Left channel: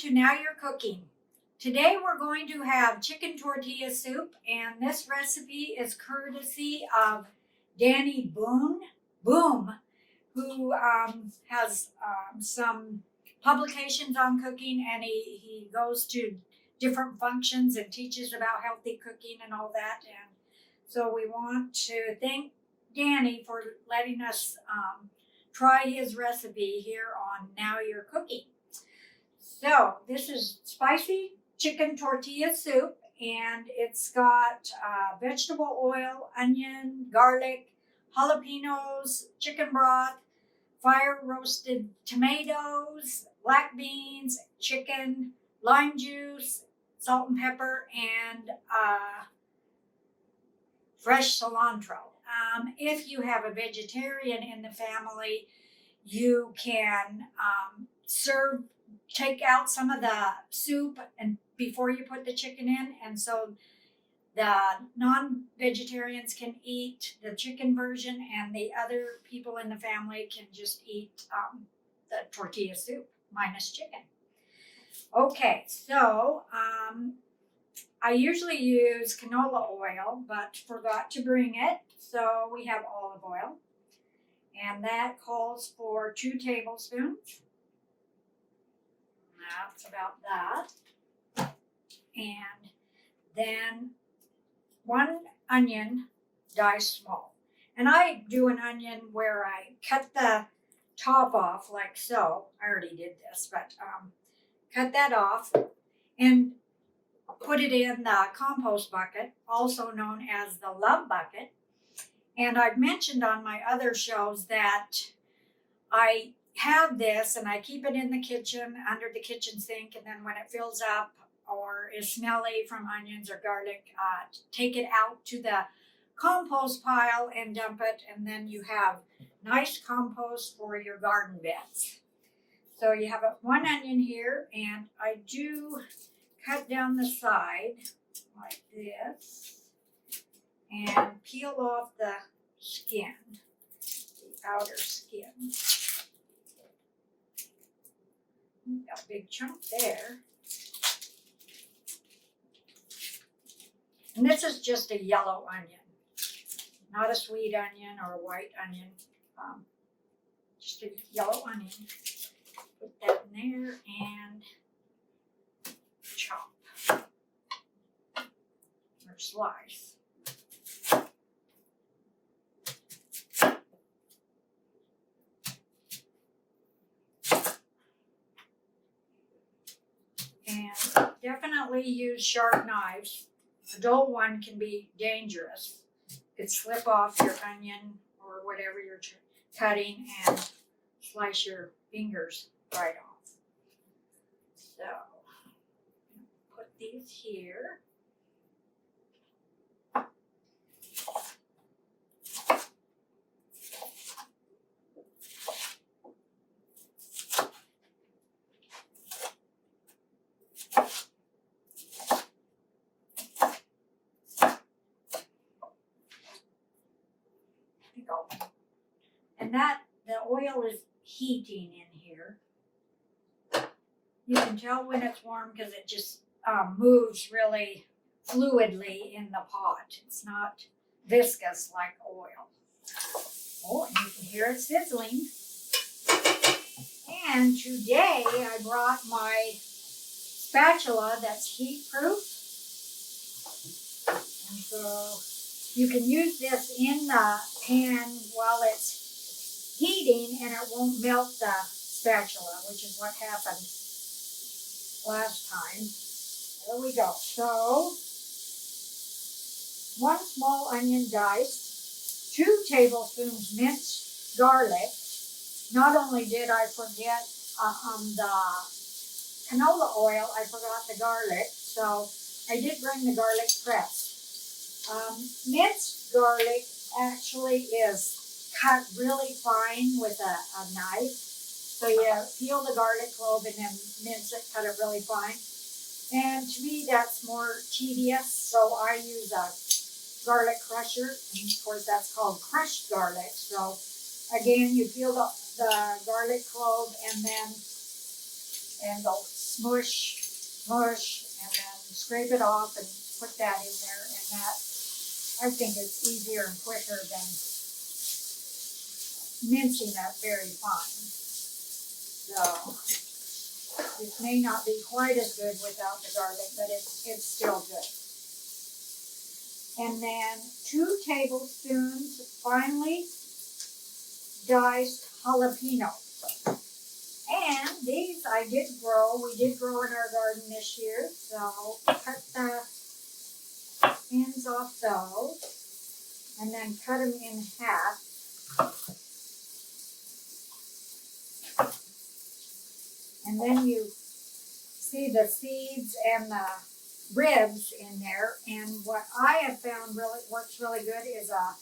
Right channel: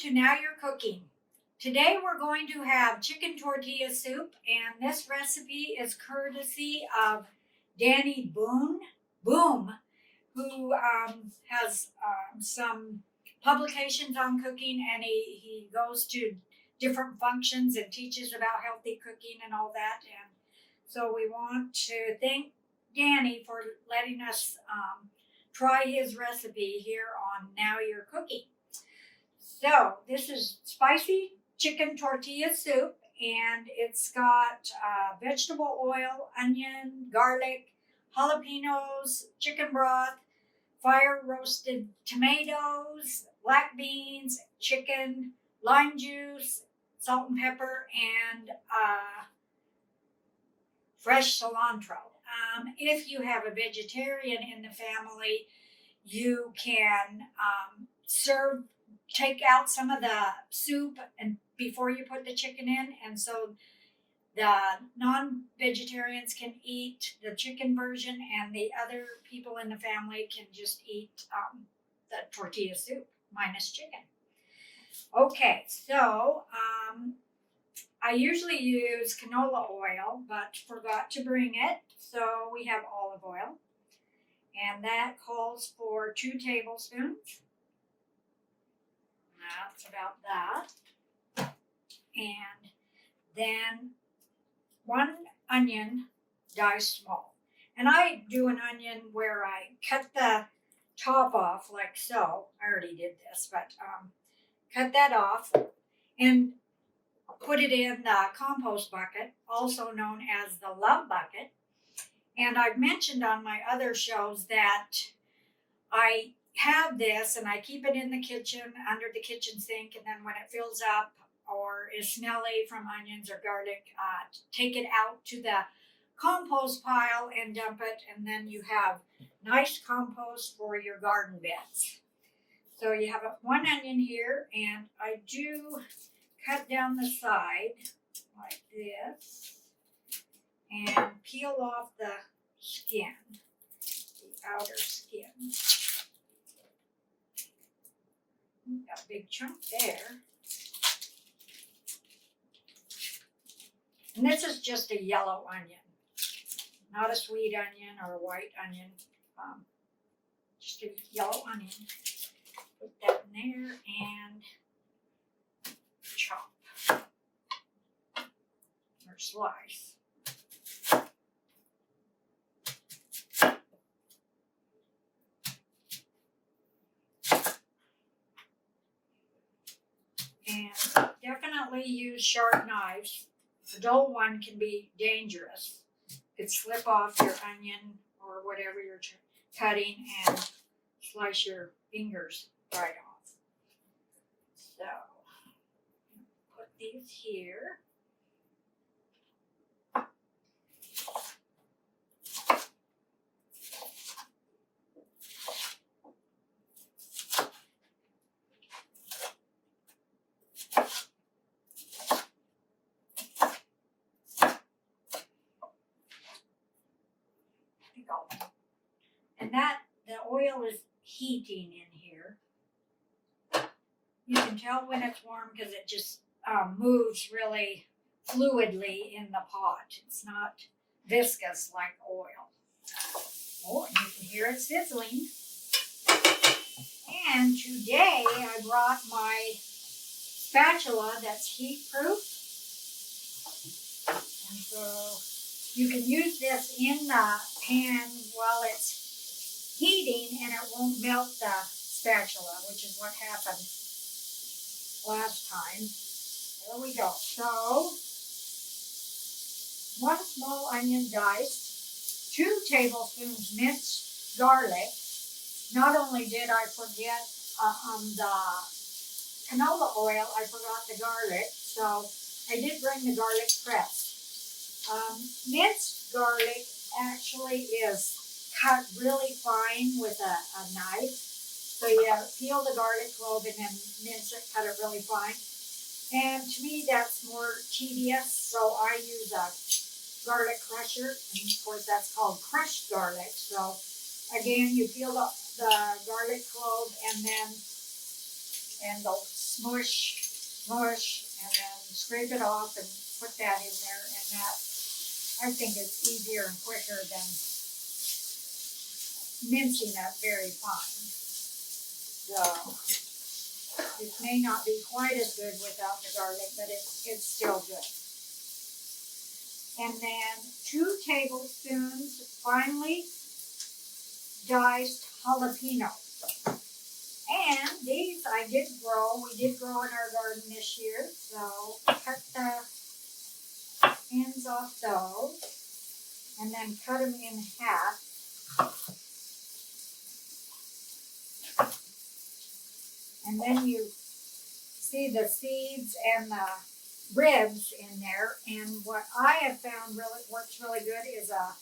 to Now You're Cooking. Today we're going to have chicken tortilla soup, and this recipe is courtesy of Danny Boom, who has some publications on cooking, and he goes to different functions and teaches about healthy cooking and all that. And so we want to thank Danny for letting us try his recipe here on Now You're Cooking. So this is spicy chicken tortilla soup, and it's got vegetable oil, onion, garlic, jalapenos, chicken broth, fire roasted tomatoes, black beans, chicken, lime juice, salt and pepper, and fresh cilantro. If you have a vegetarian in the family, you can take out some of the soup and before you put the chicken in, and so the non-vegetarians can eat the chicken version, and the other people in the family can just eat the tortilla soup minus chicken. Okay, so I usually use canola oil, but forgot to bring it, so we have olive oil, and that calls for 2 tablespoons. That's about that. And then 1 onion diced small. And I do an onion where I cut the top off like so. I already did this, but cut that off and put it in the compost bucket, also known as the love bucket. And I've mentioned on my other shows that I have this and I keep it in the kitchen under the kitchen sink, and then when it fills up or is smelly from onions or garlic, take it out to the compost pile and dump it, and then you have nice compost for your garden beds. So you have 1 onion here, and I do cut down the side like this and peel off the skin, the outer skin. Got a big chunk there. And this is just a yellow onion, not a sweet onion or a white onion, just a yellow onion. Put that in there and chop or slice. And definitely use sharp knives. A dull one can be dangerous. It could slip off your onion or whatever you're cutting and slice your fingers right off. So, put these here. And the oil is heating in here. You can tell when it's warm because it just moves really fluidly in the pot. It's not viscous like oil. Oh, and you can hear it sizzling. And today I brought my spatula that's heat proof. And so you can use this in the pan while it's heating, and it won't melt the spatula, which is what happened last time. There we go. So, 1 small onion diced, 2 tablespoons minced garlic. Not only did I forget the canola oil, I forgot the garlic, so I did bring the garlic pressed. Minced garlic actually is cut really fine with a knife. So you peel the garlic clove and then mince it, cut it really fine. And to me, that's more tedious, so I use a garlic crusher. And of course, that's called crushed garlic. So again, you peel the garlic clove and then go mush, and then scrape it off and put that in there, and that, I think it's easier and quicker than mincing that very fine. So, it may not be quite as good without the garlic, but it's still good. And then 2 tablespoons finely diced jalapenos. And these I did grow. We did grow in our garden this year. So cut the ends off those and then cut them in half. And then you see the seeds and the ribs in there. And what I have found really works really good is a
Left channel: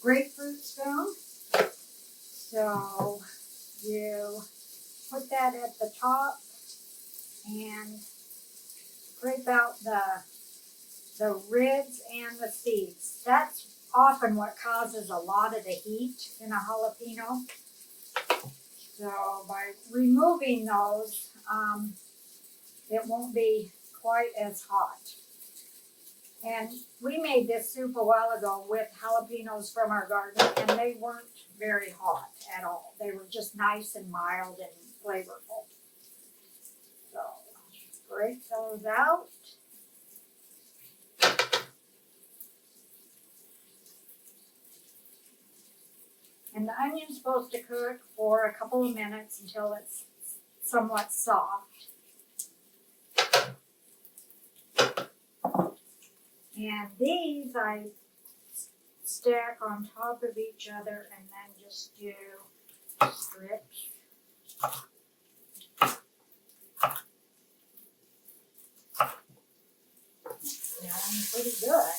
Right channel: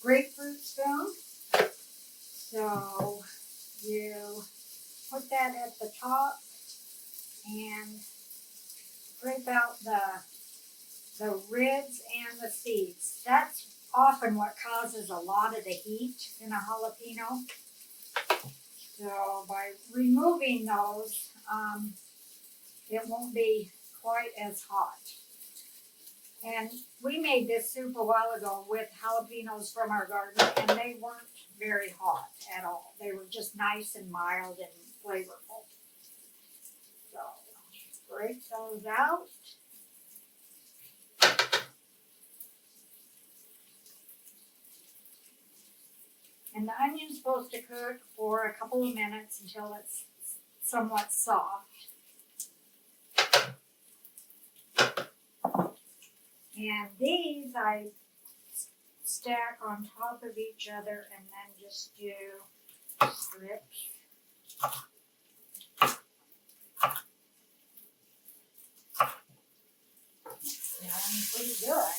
grapefruit spoon. So you put that at the top and scrape out the ribs and the seeds. That's often what causes a lot of the heat in a jalapeno. So by removing those, it won't be quite as hot. And we made this soup a while ago with jalapenos from our garden, and they weren't very hot at all. They were just nice and mild and flavorful. So, break those out. And the onion's supposed to cook for a couple of minutes until it's somewhat soft. And these I stack on top of each other and then just do strips. Smelling pretty good.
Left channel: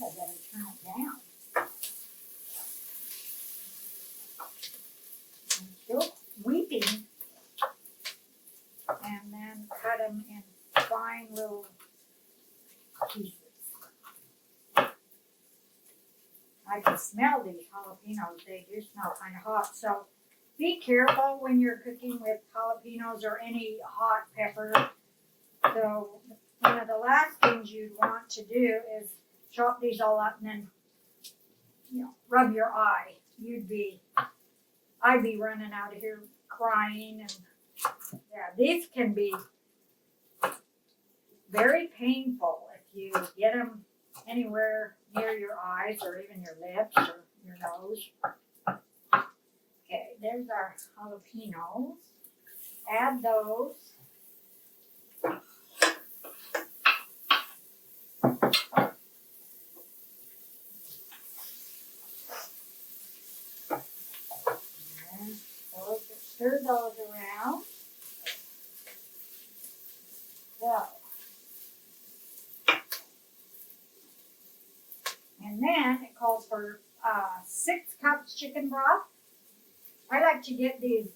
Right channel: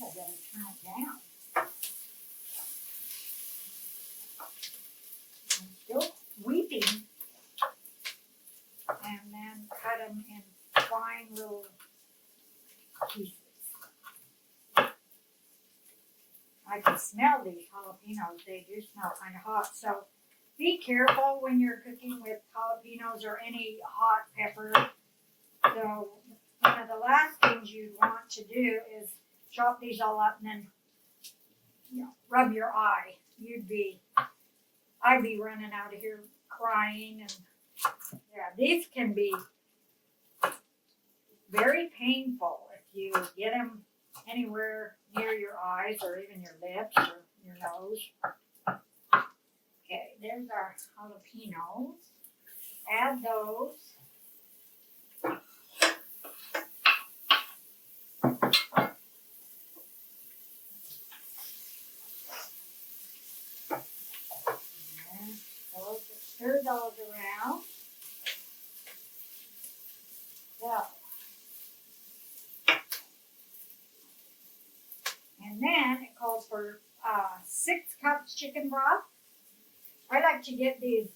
I gotta turn it down. I'm still weeping. And then cut them in fine little pieces. I can smell these jalapenos. They do smell kind of hot. So be careful when you're cooking with jalapenos or any hot pepper. So one of the last things you'd want to do is chop these all up and then, rub your eye. I'd be running out of here crying. And yeah, these can be very painful if you get them anywhere near your eyes or even your lips or your nose. Okay, there's our jalapenos. Add those. And stir those around. So. And then it calls for 6 cups chicken broth. I like to get these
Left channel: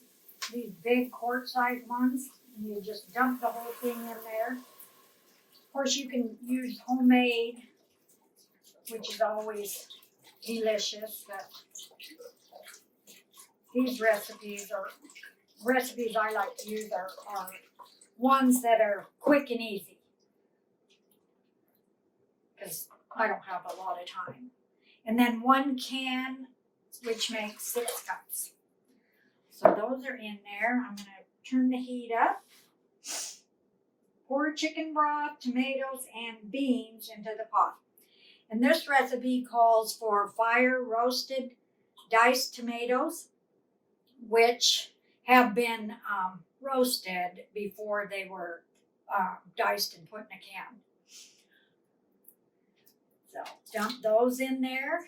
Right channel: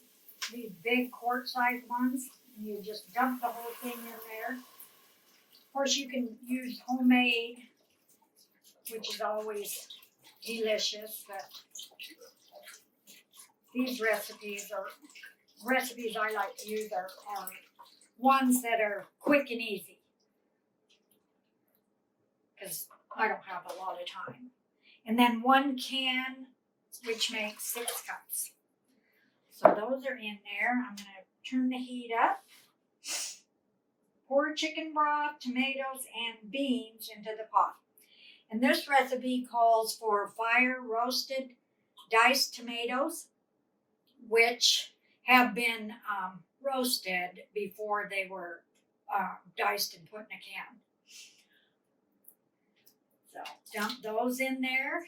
big quart-sized ones, and you just dump the whole thing in there. Of course, you can use homemade, which is always delicious, but these recipes I like to use are ones that are quick and easy, because I don't have a lot of time. And then 1 can, which makes 6 cups. So those are in there. I'm going to turn the heat up. Pour chicken broth, tomatoes, and beans into the pot. And this recipe calls for fire roasted diced tomatoes, which have been roasted before they were diced and put in a can. So dump those in there.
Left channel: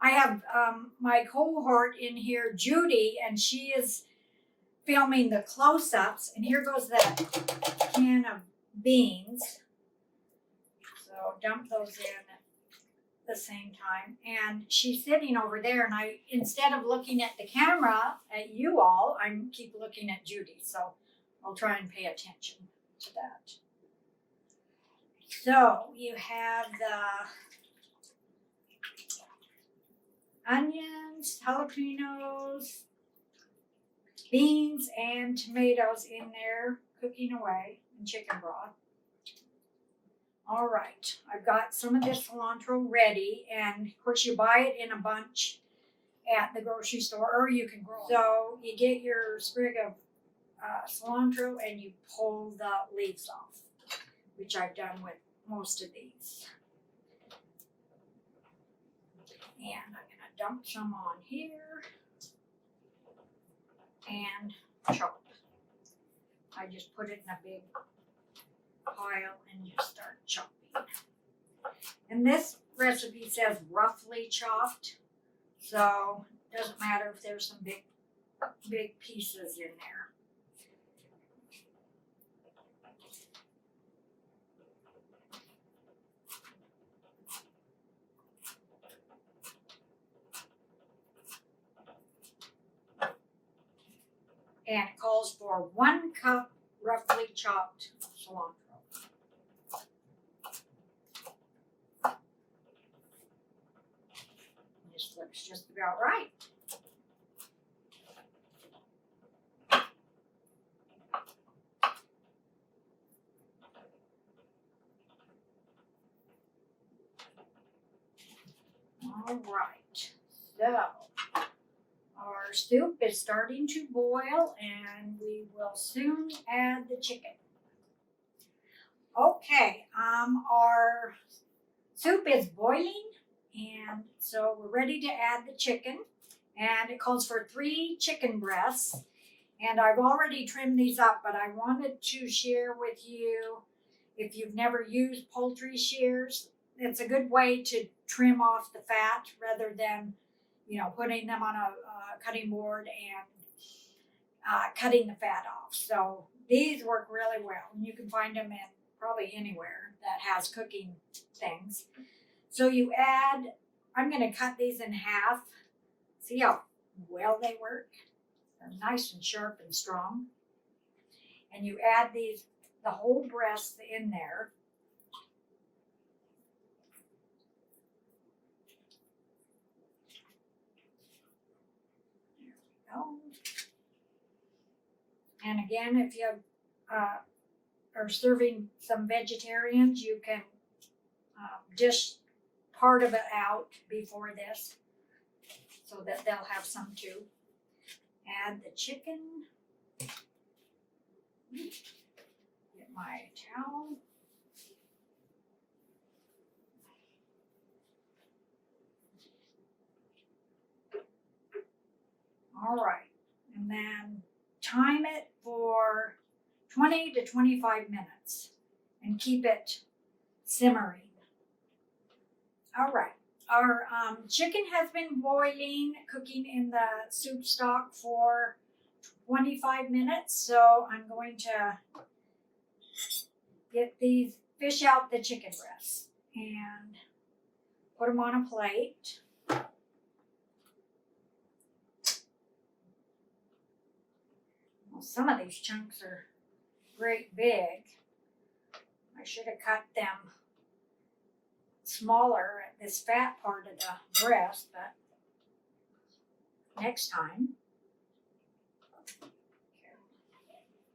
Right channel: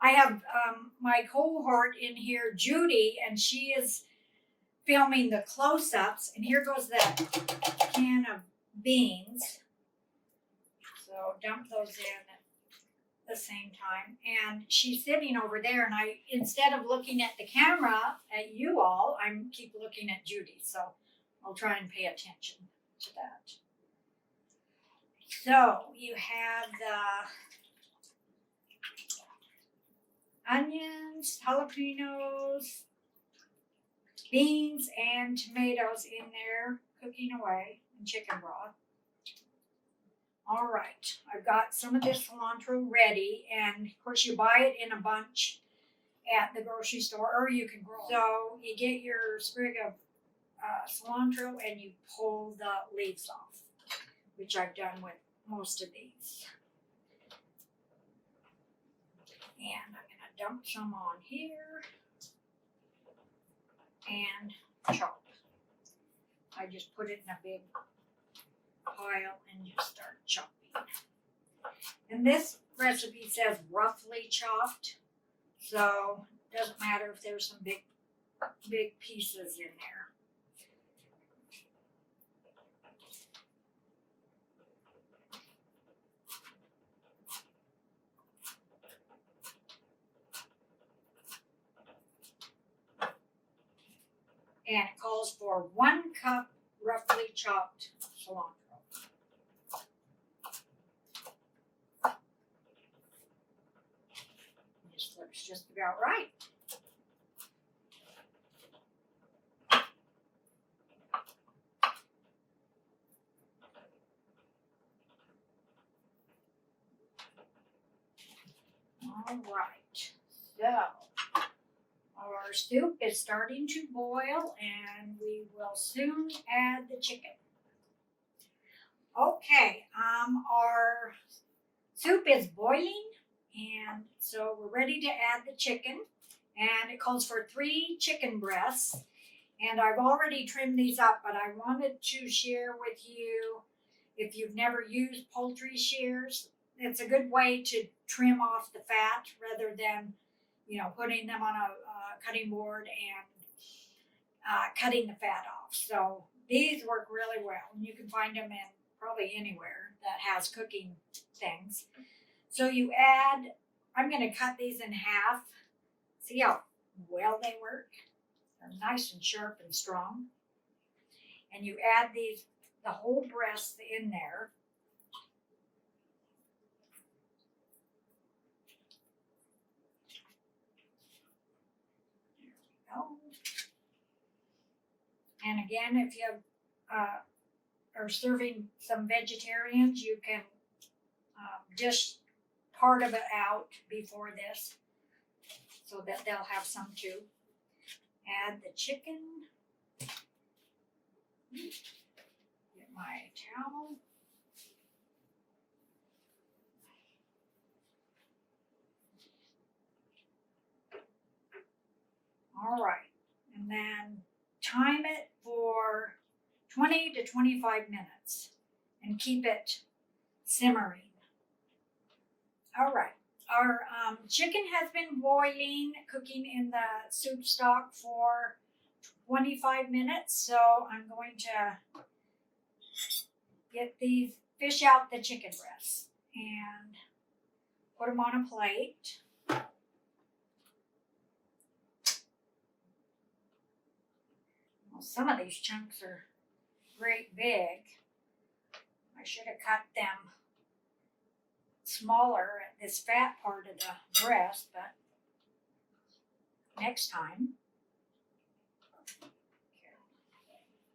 I have my cohort in here, Judy, and she is filming the close-ups. And here goes that can of beans. So dump those in at the same time. And she's sitting over there, and instead of looking at the camera at you all, I keep looking at Judy. So I'll try and pay attention to that. So you have the onions, jalapenos, beans and tomatoes in there cooking away in chicken broth. All right, I've got some of this cilantro ready, and of course you buy it in a bunch at the grocery store, or you can grow it. So you get your sprig of cilantro and you pull the leaves off, which I've done with most of these. And I'm gonna dump some on here and chop. I just put it in a big pile and just start chopping. And this recipe says roughly chopped, so it doesn't matter if there's some big pieces in there. And it calls for 1 cup roughly chopped cilantro. This looks just about right. All right, so our soup is starting to boil and we will soon add the chicken. Okay, our soup is boiling and so we're ready to add the chicken, and it calls for 3 chicken breasts, and I've already trimmed these up, but I wanted to share with you, if you've never used poultry shears, it's a good way to trim off the fat rather than, putting them on a cutting board and cutting the fat off. So these work really well, and you can find them in probably anywhere that has cooking things. So I'm going to cut these in half. See how well they work? They're nice and sharp and strong. And you add the whole breast in there. And again, if you are serving some vegetarians, you can dish part of it out before this so that they'll have some too. Add the chicken. Get my towel. All right, and then time it for 20 to 25 minutes and keep it simmering. All right, our chicken has been boiling, cooking in the soup stock for 25 minutes, so I'm going to fish out the chicken breasts and put them on a plate. Well, some of these chunks are great big. I should have cut them smaller at this fat part of the breast, but next time.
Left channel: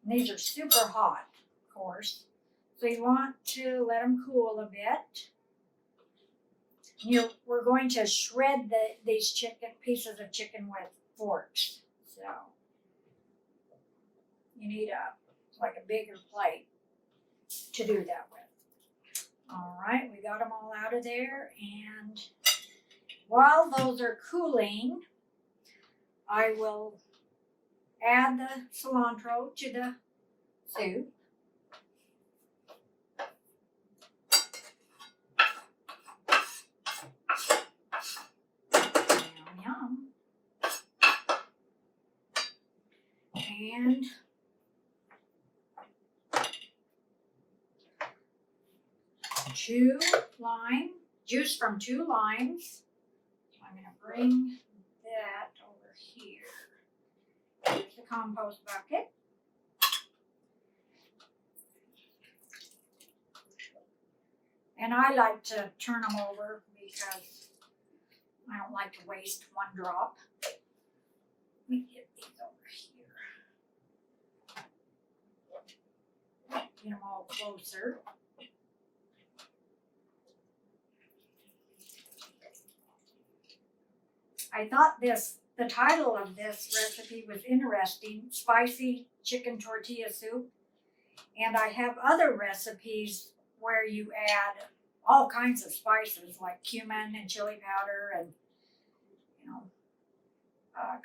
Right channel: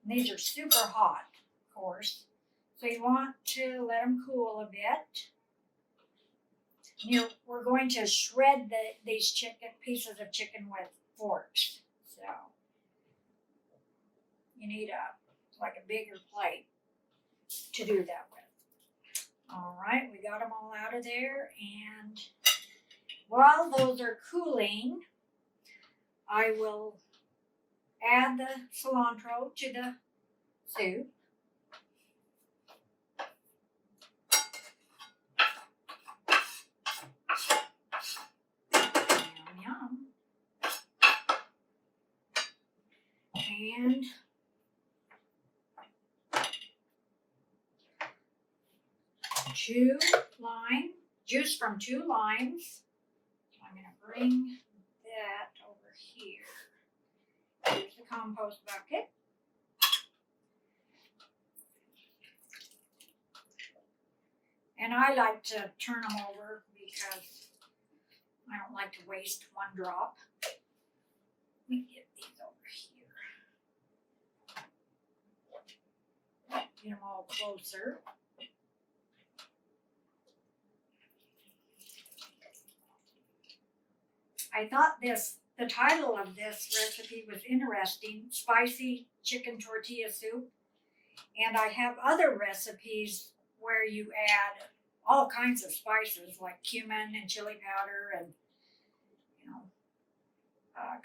And these are super hot, of course, so you want to let them cool a bit. We're going to shred these pieces of chicken with forks, so you need a bigger plate to do that with. All right, we got them all out of there, and while those are cooling, I will add the cilantro to the soup. Yum, yum. And juice from 2 limes. I'm going to bring that over here. Here's the compost bucket. And I like to turn them over because I don't like to waste 1 drop. Let me get these over here. Get them all closer. I thought the title of this recipe was interesting, spicy chicken tortilla soup. And I have other recipes where you add all kinds of spices like cumin and chili powder and,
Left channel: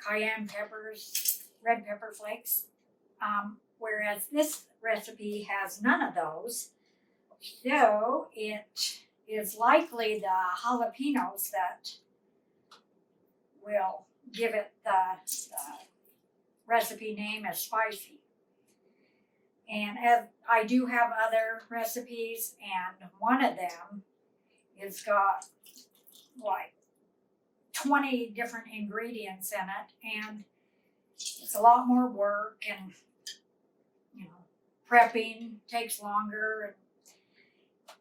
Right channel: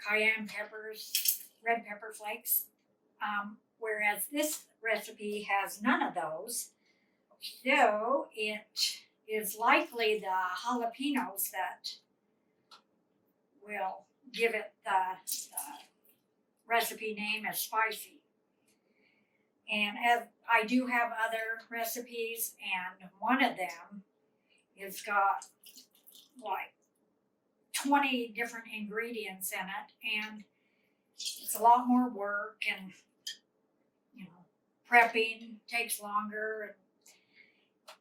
cayenne peppers, red pepper flakes. Whereas this recipe has none of those. So it is likely the jalapenos that will give it the recipe name as spicy. And I do have other recipes, and one of them has got like 20 different ingredients in it, and it's a lot more work, and prepping takes longer,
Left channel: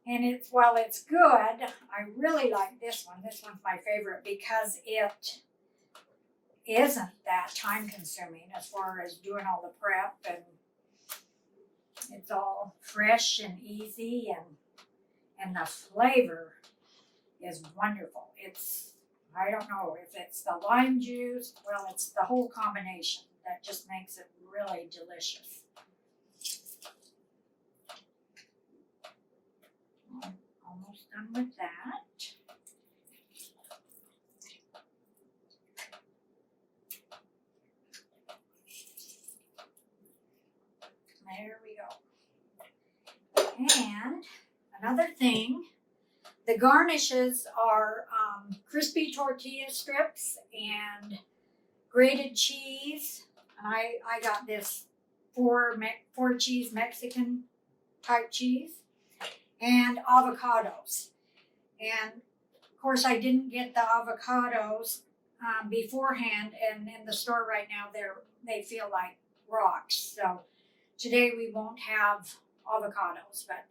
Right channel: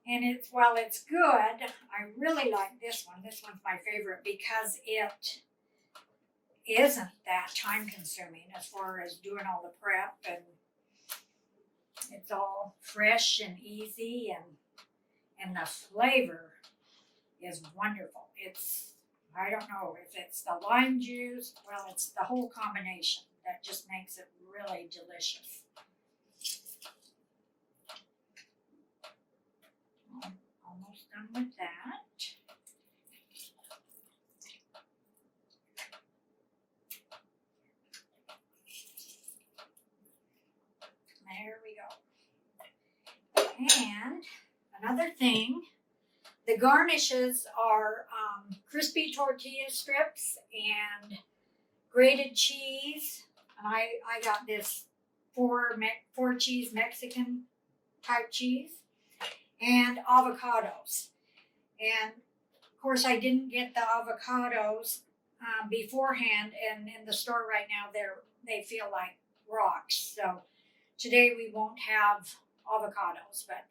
and it's while it's good, I really like this one. This one's my favorite because it isn't that time consuming as far as doing all the prep, and it's all fresh and easy, and the flavor is wonderful. I don't know if it's the lime juice, well, it's the whole combination that just makes it really delicious. I'm almost done with that. There we go. And another thing, the garnishes are crispy tortilla strips and grated cheese. And I got this four cheese Mexican type cheese and avocados. And of course, I didn't get the avocados beforehand, and in the store right now they feel like rocks. So today we won't have avocados, but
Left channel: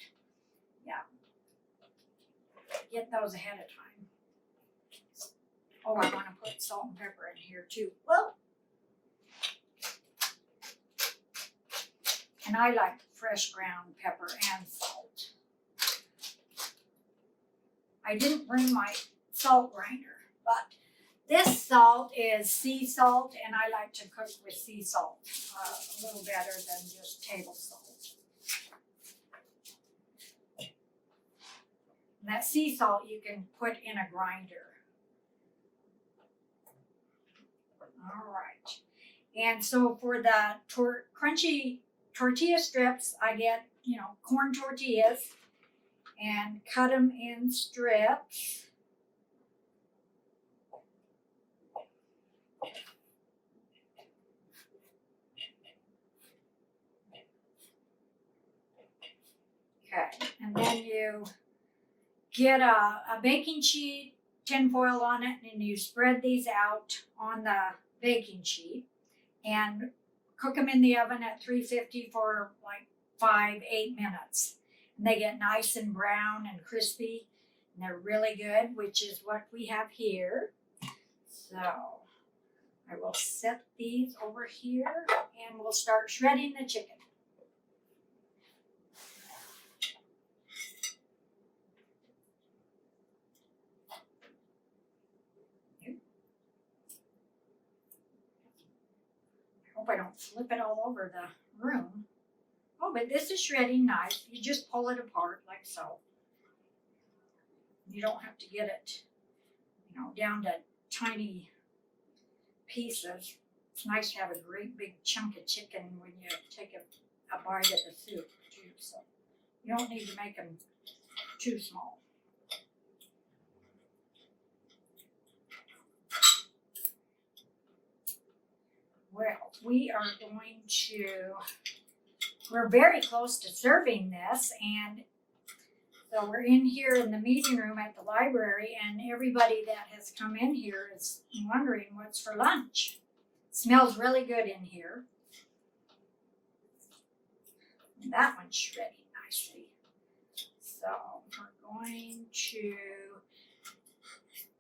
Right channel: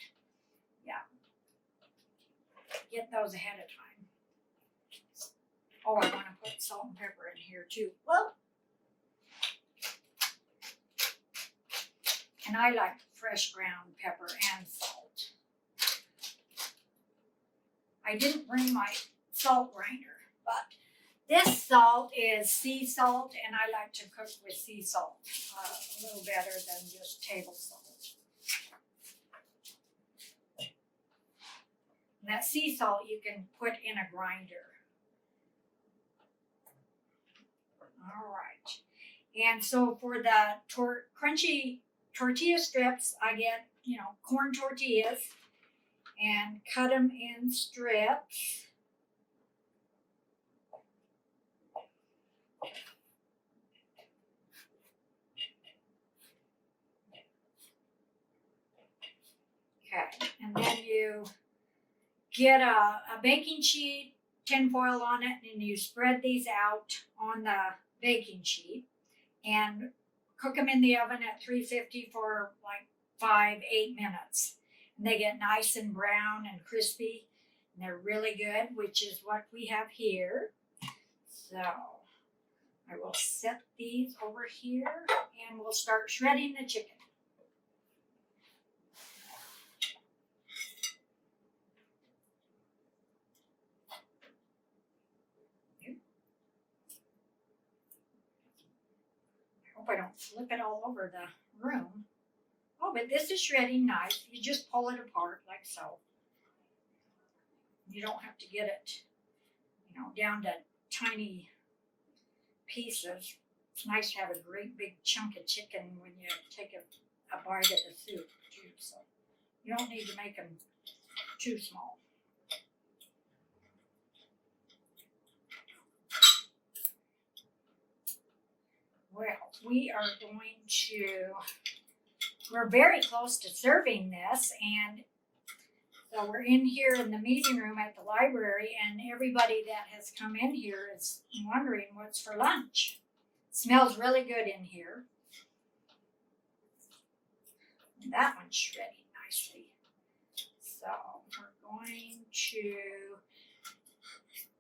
yeah, get those ahead of time. Oh, I want to put salt and pepper in here too. Well, and I like fresh ground pepper and salt. I didn't bring my salt grinder, but this salt is sea salt, and I like to cook with sea salt a little better than just table salt. And that sea salt you can put in a grinder. All right. And so for the crunchy tortilla strips, I get, corn tortillas and cut them in strips. Okay, and then you get a baking sheet, tinfoil on it, and you spread these out on the baking sheet and cook them in the oven at 350 for like 5-8 minutes. And they get nice and brown and crispy, and they're really good, which is what we have here. So I will set these over here, and we'll start shredding the chicken. Hope I don't flip it all over the room. Oh, but this is shredding nice. You just pull it apart like so. You don't have to get it, down to tiny pieces. It's nice to have a great big chunk of chicken when you take a bite of the soup too. So you don't need to make them too small. Well, we're very close to serving this, and so we're in here in the meeting room at the library, and everybody that has come in here is wondering what's for lunch. It smells really good in here. And that one's shredding nicely. So we're going to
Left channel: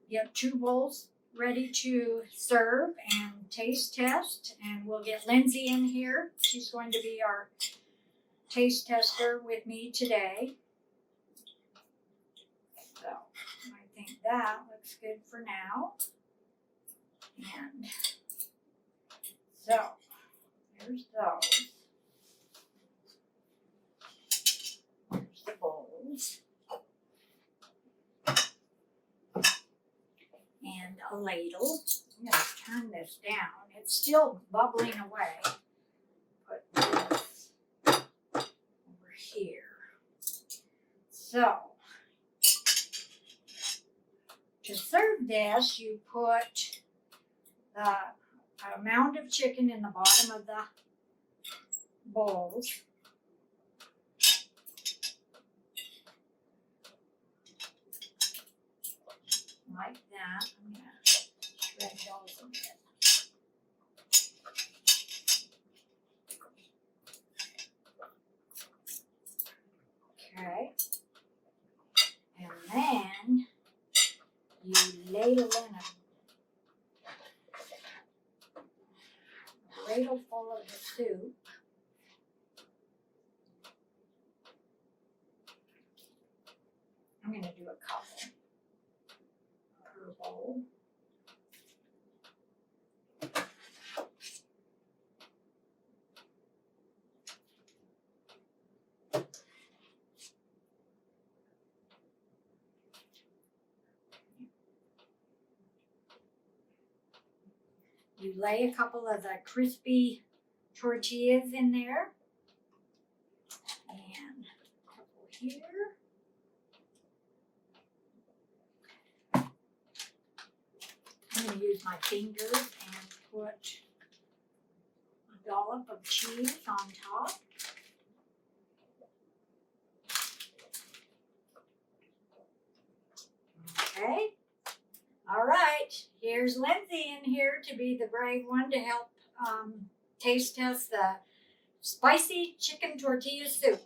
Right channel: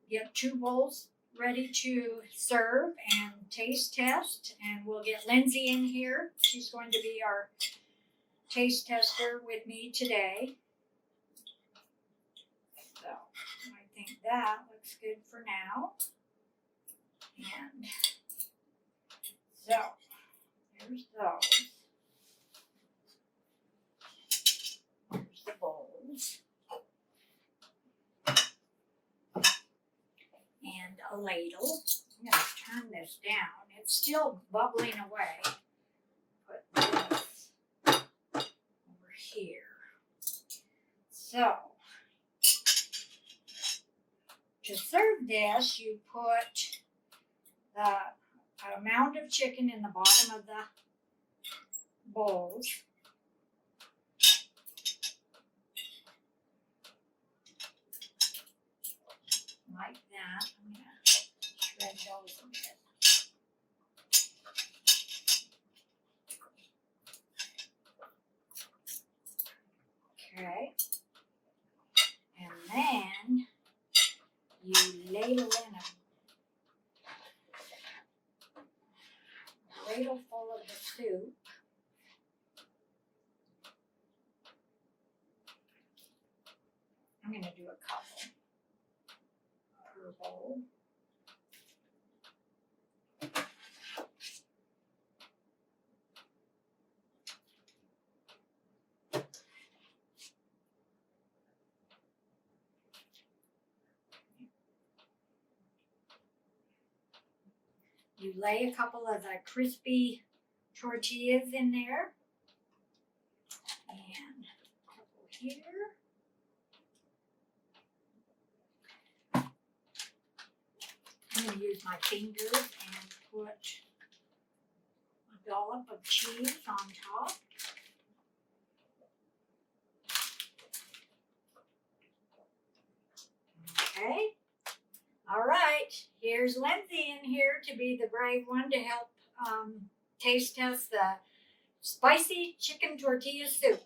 get 2 bowls ready to serve and taste test, and we'll get Lindsay in here. She's going to be our taste tester with me today. So I think that looks good for now. And so there's those. There's the bowls. And a ladle. I'm going to turn this down. It's still bubbling away. Put this over here. So, to serve this, you put the amount of chicken in the bottom of the bowls. Like that. I'm going to shred those a bit. Okay. And then you ladle in a ladle full of the soup. I'm going to do a couple per bowl. You lay a couple of the crispy tortillas in there. And a couple here. I'm going to use my fingers and put a dollop of cheese on top. Okay. All right. Here's Lindsay in here to be the brave one to help taste test the spicy chicken tortilla soup.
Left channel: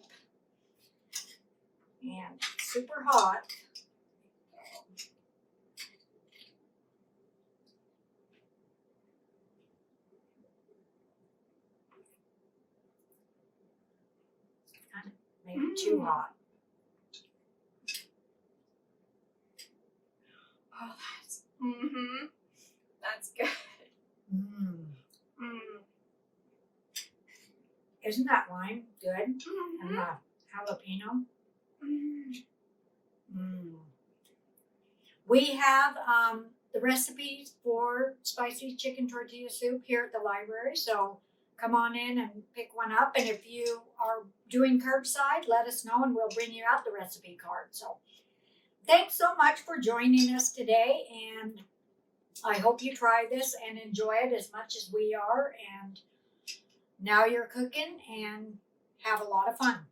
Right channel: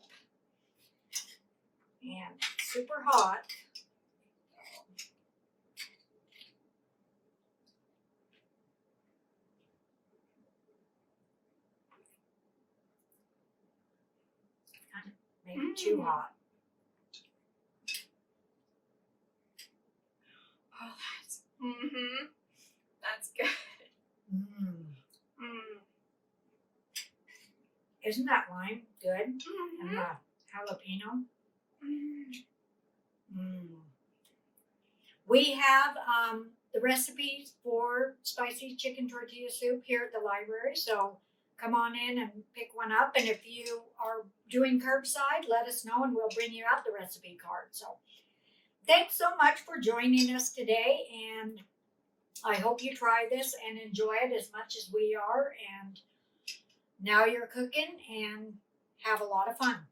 And super hot. Maybe too hot. Oh, that's good. Isn't that lime good? And the jalapeno. We have the recipes for spicy chicken tortilla soup here at the library, so come on in and pick one up. And if you are doing curbside, let us know and we'll bring you out the recipe card. So thanks so much for joining us today, and I hope you try this and enjoy it as much as we are. And now you're cooking and have a lot of fun.